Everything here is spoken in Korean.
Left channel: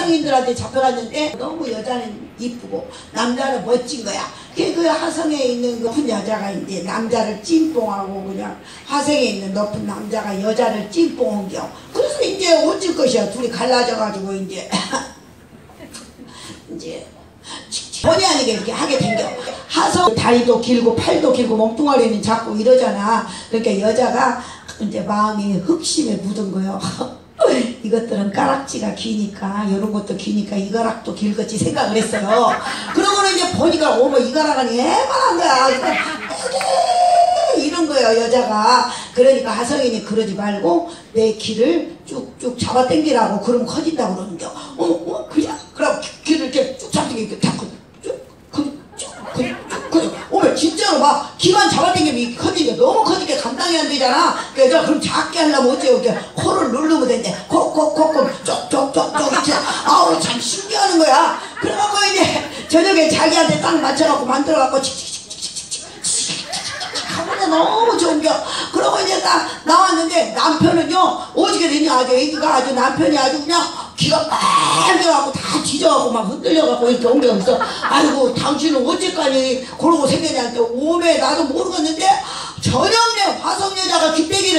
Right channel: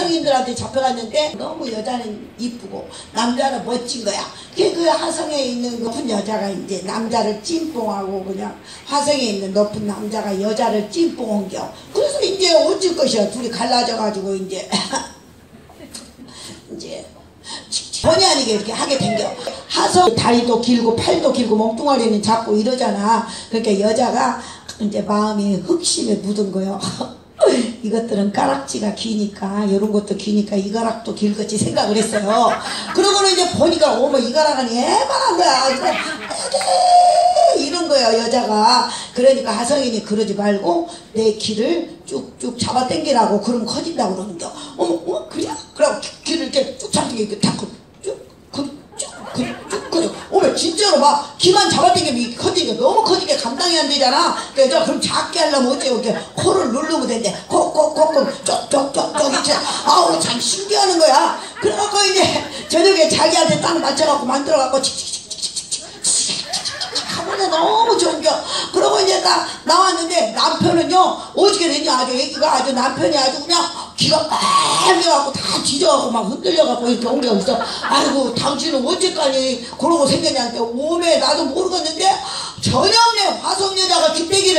화성인들한테 잡혀갔는데 너무 여자는 이쁘고 남자는 멋진 거야. 그 화성에 있는 높은 여자가 이제 남자를 찐뽕하고 그냥 화성에 있는 높은 남자가 여자를 찐뽕한겨. 그래서 이제 어쩔 것이야. 둘이 갈라져가지고 이제 이제 본의 아니게 이렇게 하게 된겨. 화성 다리도 길고 팔도 길고 멍뚱아리는 자꾸 이러잖아. 그러니까 여자가 이제 마음이 흑심에 묻은 거요. 이것들은 가락지가 기니까 이런 것도 기니까 이 가락도 길겠지 생각을 했어요. 그러고는 이제 보니까 어머 이 가락은 애만한 거야. 이런 거예요 여자가. 그러니까 하성인이 그러지 말고 내 길을 쭉쭉 잡아 당기라고. 그러면 커진다고 그러는겨. 그냥 그럼 길을 이렇게 쭉 잡아당기고 어머 진짜로 막 기만 잡아당기면 커지니까 너무 커지게 감당이 안 되잖아. 그래서 그럼 작게 하려면 어째요. 이렇게 코를 누르면 되는데 콕콕콕콕 쪽쪽쪽쪽 이렇게 아우 참 신기하는 거야. 그래갖고 이제 저녁에 자기한테 딱 맞춰갖고 만들어갖고 하면 너무 좋은겨. 그러고 이제 딱 나왔는데 남편은요 어떻게 됐냐. 아주 애기가 아주 남편이 아주 그냥 기가 빨개갖고 다 뒤져갖고 막 흔들려갖고 이렇게 옮겨서 아이고 당신은 언제까지 그러고 생겼냐니까 오메 나도 모르겠는데 저녁에 화성 여자가 뒷배기